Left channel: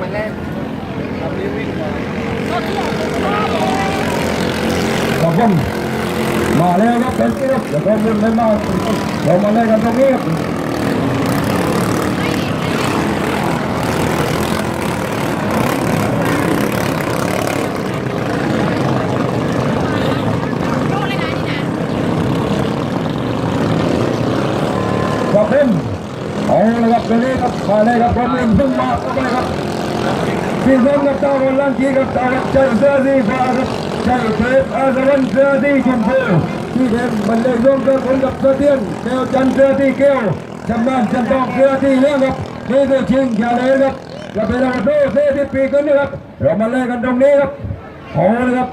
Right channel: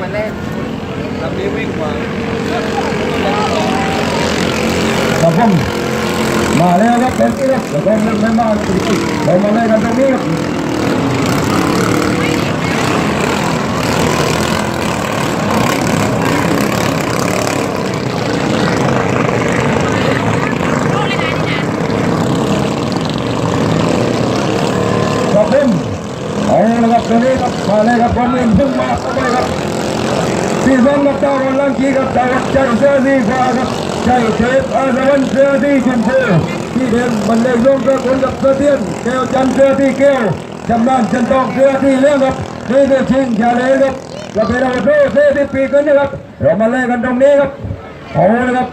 มาเล่นลำนี้วิ่งกว่าครับผมมาเลยครับเป็นที่ครับเดี๋ยวก็ไม่มาเรามาเลยกันตรงนี้ครับเอาเลยครับตรงนี้ครับมาเลยครับคนอื่นพุ่งมาเข้าไปครับที่สองกับเจ้าวันลังกีกับเจ้าใจเสื้อสีฟ้าครับใจเทปอาสวันเสื้อสีชมพูที่เดินบันไดลงกระคนกับเสื้อเทียนแก้วจันเสื้อที่แก้วจำนานจันทองเสื้อที่เลี้ยงครับนี่คือชิงชาเลครับเราไปเราไปโซ่เสื้อที่ปีกันนะครับเรามาเล่นกันตรงนี้ครับเอาเลยครับ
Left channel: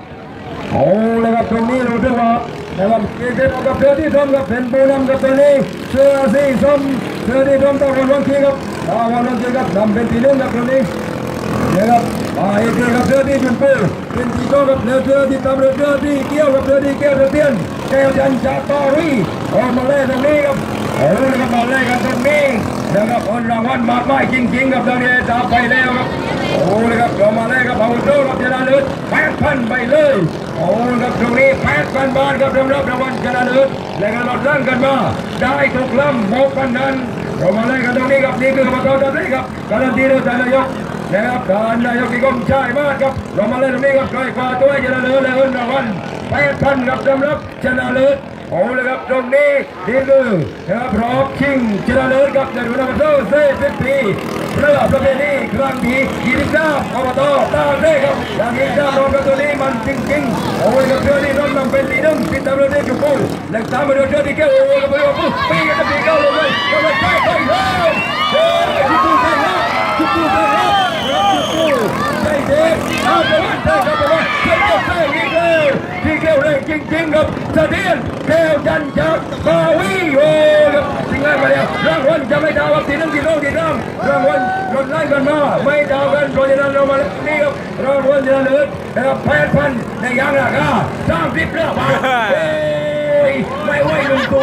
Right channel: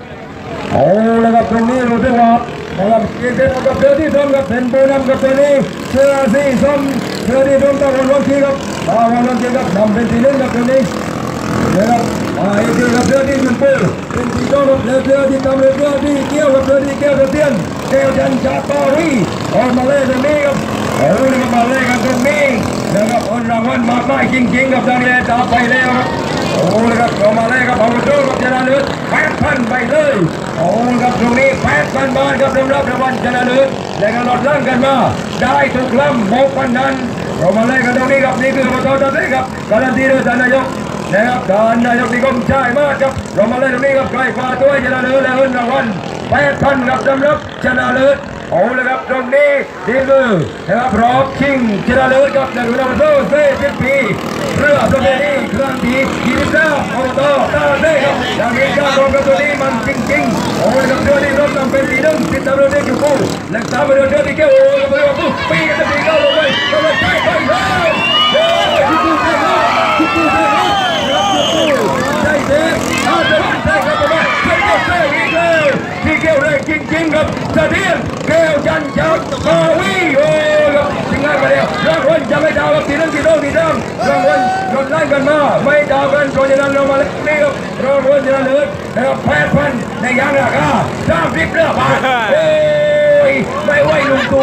เอาเลยครับตรงนี้รู้สึกว่านะครับเกี่ยวกับเสื้อที่ส้มกับเป็นปูน้ำกับตัวนี้เสื้อสีส้มเสื้อที่ส้มต้องวันวันที่ครับวันวันที่ครับนำเป็นสีเหลืองกับตัวนี้นะครับเกี่ยวกับเสื้อที่ชมพูเป็นสีส้มกับเสื้อที่ดำเสื้อที่เกี่ยวกับเสื้อที่แก้วตะเตียนแก้วจันทร์ชาปารีเอามาเล่นตรงนี้ครับเอาเลยมาเล่นกันตรงนี้นะครับคนรางวัลมาป้ายจริงๆกับตอนนี้ตาไปแล้วครับโอ้เลยครับเรามาเล่นกับเอาตัวกับชนะเลิศ8,000ไปเลยโอ้ครับตรงนี้8,000 บาทครับสำหรับรางวัลชนะเลิศและการลดล่างกันมาได้ทุกลำ6,000 นั้นเรามาเล่นกันตรงนี้ครับนี่คือประตูตัดเลยครับการันตีโดยท่านนายกนะครับท่านนายกนิคมชายมากครับเรามาเล่นตรงนี้ครับใครคว้าตัวชนะเลิศและเงินรางวัล8,000ครับสำหรับชนะเลิศโอ้เลยครับตรงนี้นี่คือนะครับรอบชิงชนะเลิศครับในรุ่นอายุ40 ปีเรือประเพณีครั้งที่23อบตตาเซ่ครับและมีการลงกระตัวนี้มันจริงๆโอ้ยกับเรือที่ร่มนำเป็นสีน้ำติดตามเรือที่อยู่คู่และตามเรือที่เกี่ยวโอ้ยกับเรือคู่ปีกันจะปีก้าวลงเลยก็เลยไปแล้วโอ้ยที่ดูได้ครับที่ดูได้ครับรับอยู่คู่ใจเด็กอาจจะวันได้ครับประมาณเจ็บก็เซ่อีกเลยที่เกี่ยวแรงจริงๆครับเสถียรแก้วจันทร์จับกาวีโอ้ยจริงๆมาแล้วรางวัลจะไม่ดาวครับทีนึงทีโลทีดำรางวัลลดไล่กันมาไม่ดาวกันเพราะฉะนั้นเรามาเล่นนี่ครับรางวัลชนะเลิศนะครับ8,000ในยังราคา30 เรือบาทไม่ไหวลุงกู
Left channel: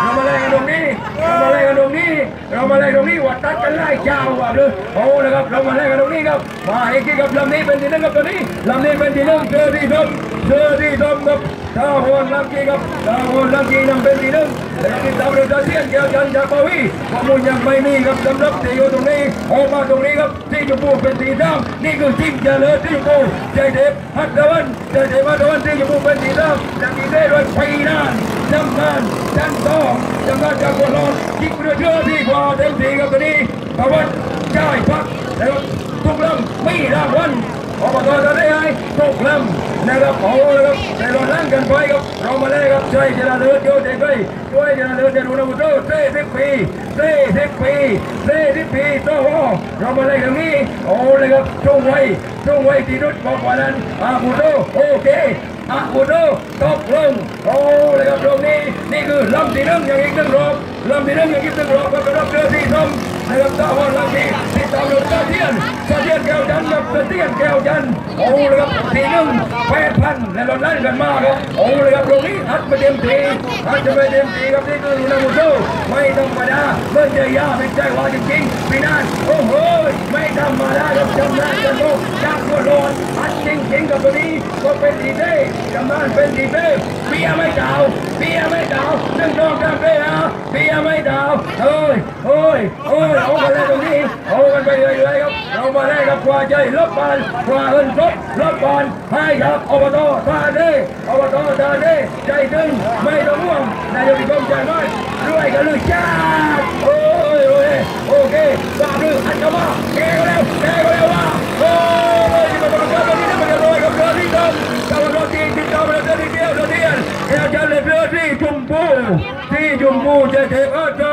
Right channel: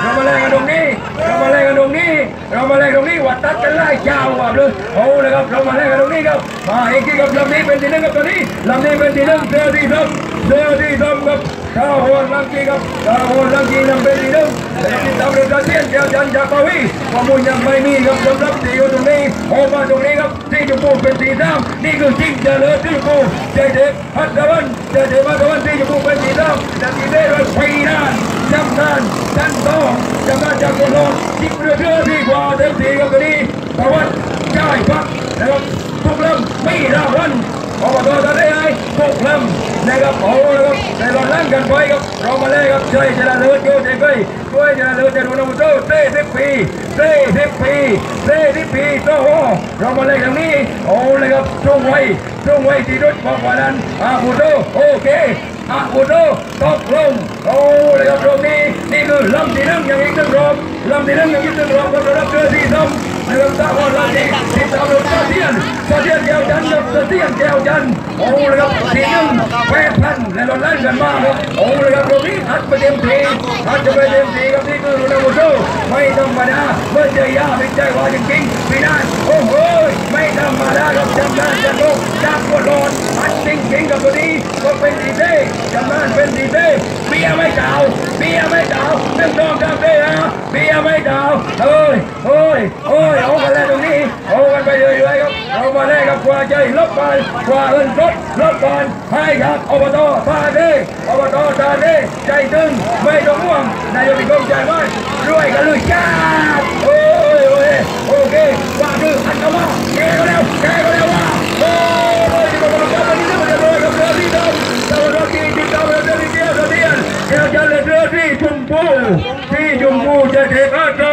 เรามาเล่นกันตรงนี้เรามาเล่นกันตรงนี้เรามาเล่นตรงนี้วัดตัดกันไล่เจ้าว่ะเลยโอ้เลยครับเรามาเล่นกันตรงนี้ครับมาเอกกับลำนี้เป็นที่หนึ่งกับตัวนี้ลำนี้เป็นที่หนึ่งเสื้อที่ส้มครับข้าวหัวลังกีครับข้าวหัวลังกีนำเป็นที่หนึ่งที่ตำรวจจะเลี้ยงแก้วจันทร์จากปาวีข้อมูลยังไม่มีครับสำหรับที่อยู่ตรงนี้ออกมาตรงนี้ครับที่จะพูดเป็นที่3นี่คือจริงจะเลิศที่พูดเด็กฮัตตะวันที่จะพูดเป็นที่3และที่ได้เป็นปีนานจำนานจันทร์จะมาจากคนนอนจิบเรือที่กว่าเต็มที่กับตัวนี้ตะวันได้พักนะครับทุกลำไม่รางวัลอบตจะได้ทุกลำนะครับโอ้ครับในรอบนั้นกันไปครับเรามาเล่ครับช่วยชนะเลิศเกินใจไปช่วยชนะเลิศจะดูนะผู้ชม40 ปีโอ้โหเรามาเล่นตรงนี้โอ้เลยครับช่วงไว้ที่รถบอกว่านั้นผู้ชมโอเคผู้ชมตกลงโอ้เลยครับตรงนี้นี่คือลำที่1อย่างอีก1 รอบลำที่1อย่างอีก1 รอบก็จะรับเรือที่2นะครับตาวันละที่ตามรถเสถียรแก้วจันทร์กับเสถียรแก้วจันทร์โอ้เลยครับที่1 8,000และรถไล่กันมาครับโอ้เลยครับตรงนี้หัดไปเต็มทีครับนี่คือรุ่นอาวุโสไม่ธรรมดาเมื่อใจยาเป็นใจว่าจริงๆพี่นายโอ้โหไม่ธรรมดาครับจำนานจะลงจากคนโดนหัดจริงๆกับตัวนี้ก็เป็นดีเด้จำนานเป็นดีเด้เบียไม่ดาว1 2 3เด้เบียไม่ดาวเฮ้ยเอากันแล้วตรงนี้เอากันไปเรื่อยๆครับเอามาแลกกับกว่าใจลบไปกว่าเงินสดลบไปให้ครับอบตตาเด้ใจตึงไม่ต้องห่วงนายกมีกองใจไหมรวยกันเลยจ้าโอเคว่าคืออันเข้ามาแกก็แล้วว่าโอ้ยมาบอกว่าตอนนี้มันจะโดนกับเรือที่ดำตะวันออกที่ติดตามเรือที่เดียวแก้วจันทร์เรือที่ชมพูจะเก็บอาเจ้า